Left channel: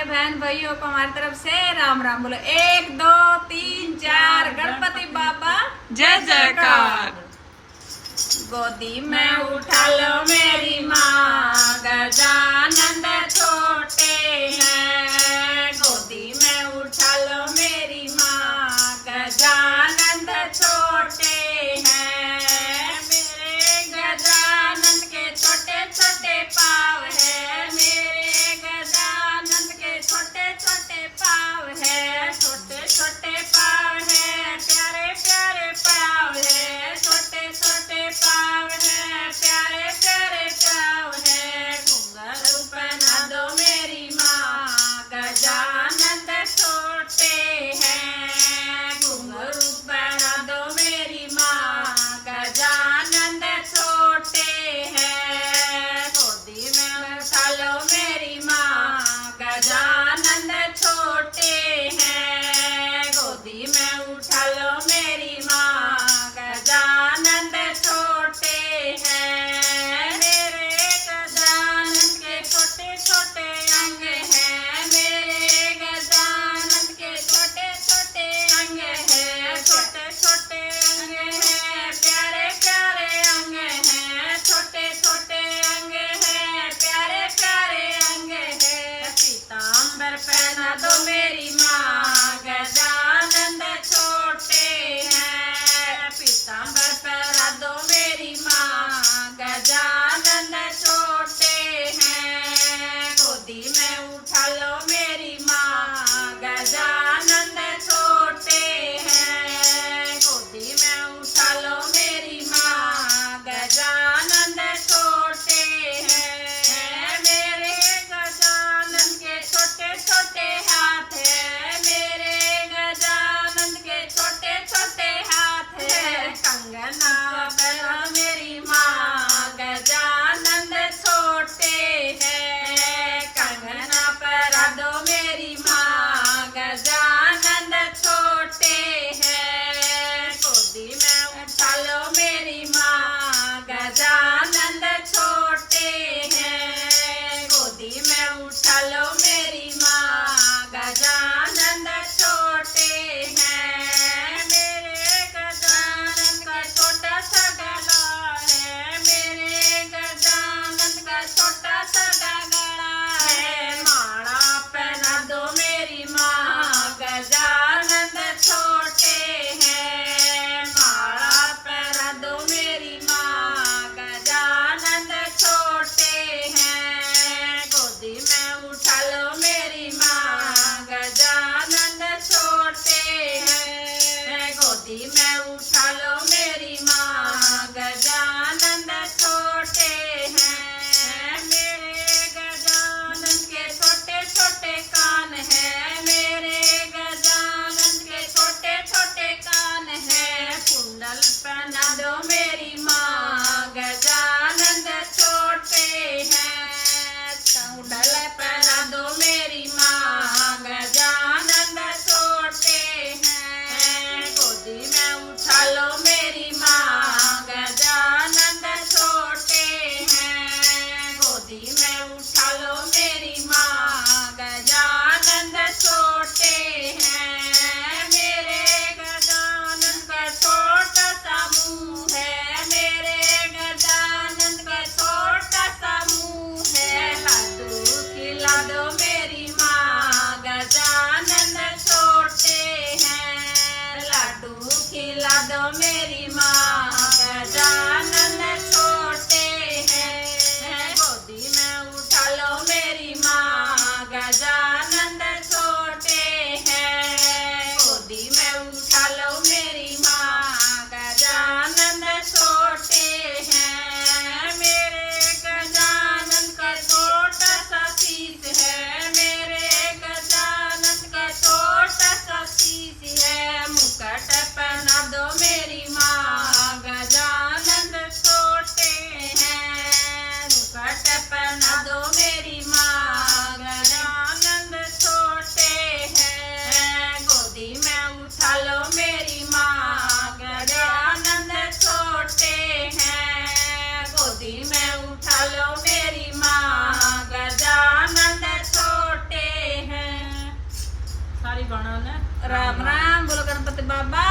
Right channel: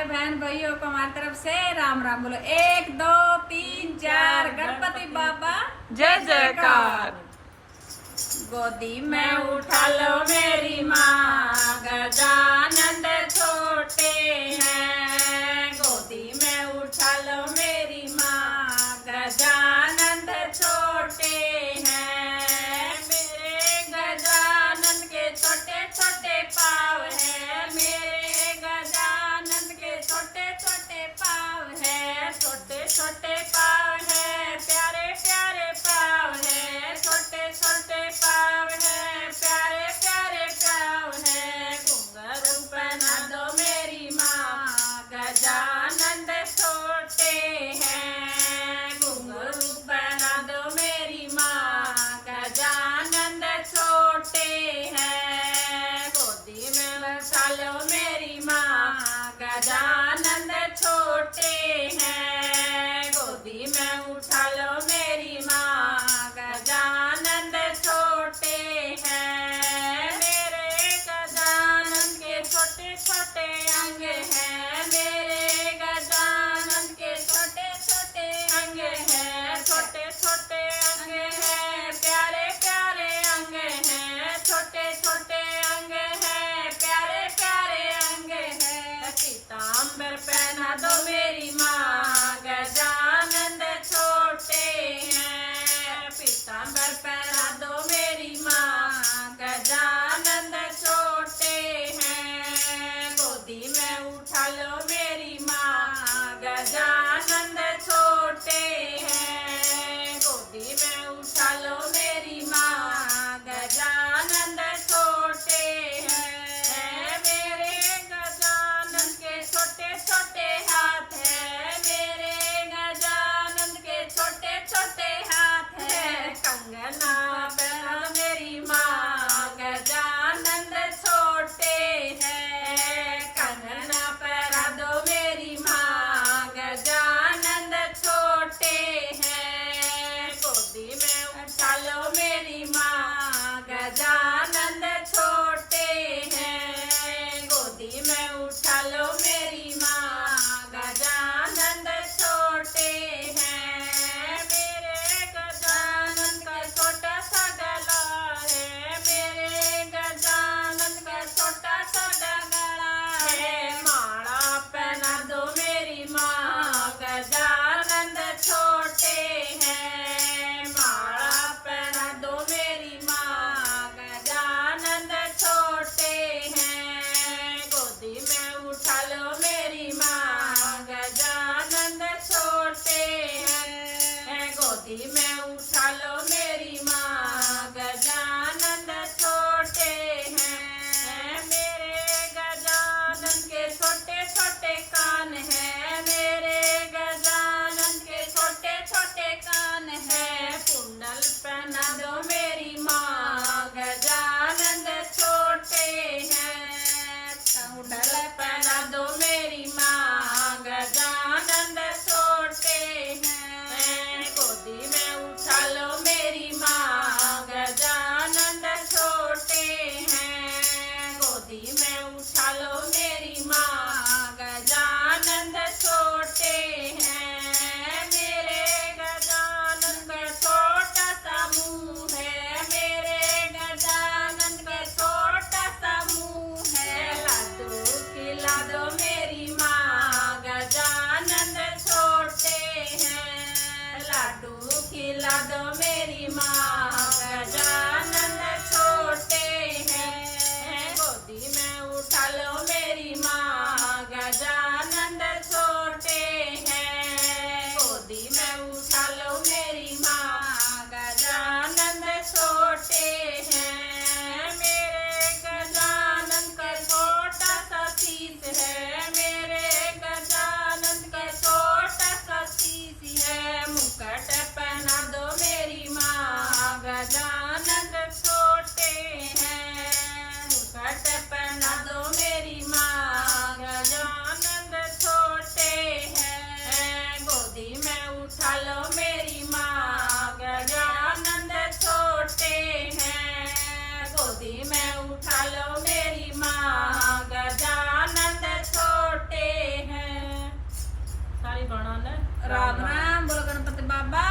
सारे बहन भाइयों को हमारी तरफ से राम राम बोलो। 1 2 3 4 गणपति बाबा जय जयकार। गोदी में उठा लो मेरी माँ, गजानंद छोटे हैं। गोदी में उठा लो मेरी माँ, गजानंद छोटे हैं। मेरे गजानंद के छोटे छोटे पाँव है, मेरे गजानंद के छोटे छोटे पाँव है, छोटे छोटे पाँव है, प्यारे प्यारे पाँव है, छोटे छोटे पाँव है, प्यारे प्यारे पाँव है। घुंघरू पहना दो मेरी माँ, गजानंद छोटे हैं। घुंघरू पहना दो मेरी माँ, गजानंद छोटे हैं। गोदी में उठा लो मेरी माँ, गजानंद छोटे हैं। गोदी में उठा लो मेरी माँ, गजानंद छोटे हैं। मेरे गजानंद के छोटे छोटे अंग हैं, मेरे गजानंद के छोटे छोटे अंग हैं, छोटे छोटे अंग हैं, प्यारे प्यारे अंग हैं, छोटे छोटे अंग हैं, प्यारे प्यारे अंग हैं। पीताम्बर पहना दो मेरी माँ, गजानंद छोटे हैं। पीताम्बर पहना दो मेरी माँ, गजानंद छोटे हैं। गोदी में उठा लो मेरी माँ, गजानंद छोटे हैं। गोदी में उठा लो मेरी माँ, गजानंद छोटे हैं। मेरे गजानंद के छोटे छोटे हाथ है, मेरे गजानंद के छोटे छोटे हाथ है। कंगना पहना मेरी माँ, गजानंद छोटे हैं। कंगना पहना दो मेरी माँ, गजानंद छोटे हैं। गोदी में उठा लो मेरी माँ, गजानंद छोटे हैं। गोदी में उठा लो मेरी माँ, गजानंद छोटे हैं। मेरे गजानंद का छोटा सा गला है, मेरे गजानंद का छोटा सा गला है। माला पहना दो मेरी माँ, गजानंद छोटे हैं। माला पहना दो मेरी माँ, गजानंद छोटे हैं। गोदी में उठा लो गाना ले राम राम बोलो गणपति बाबा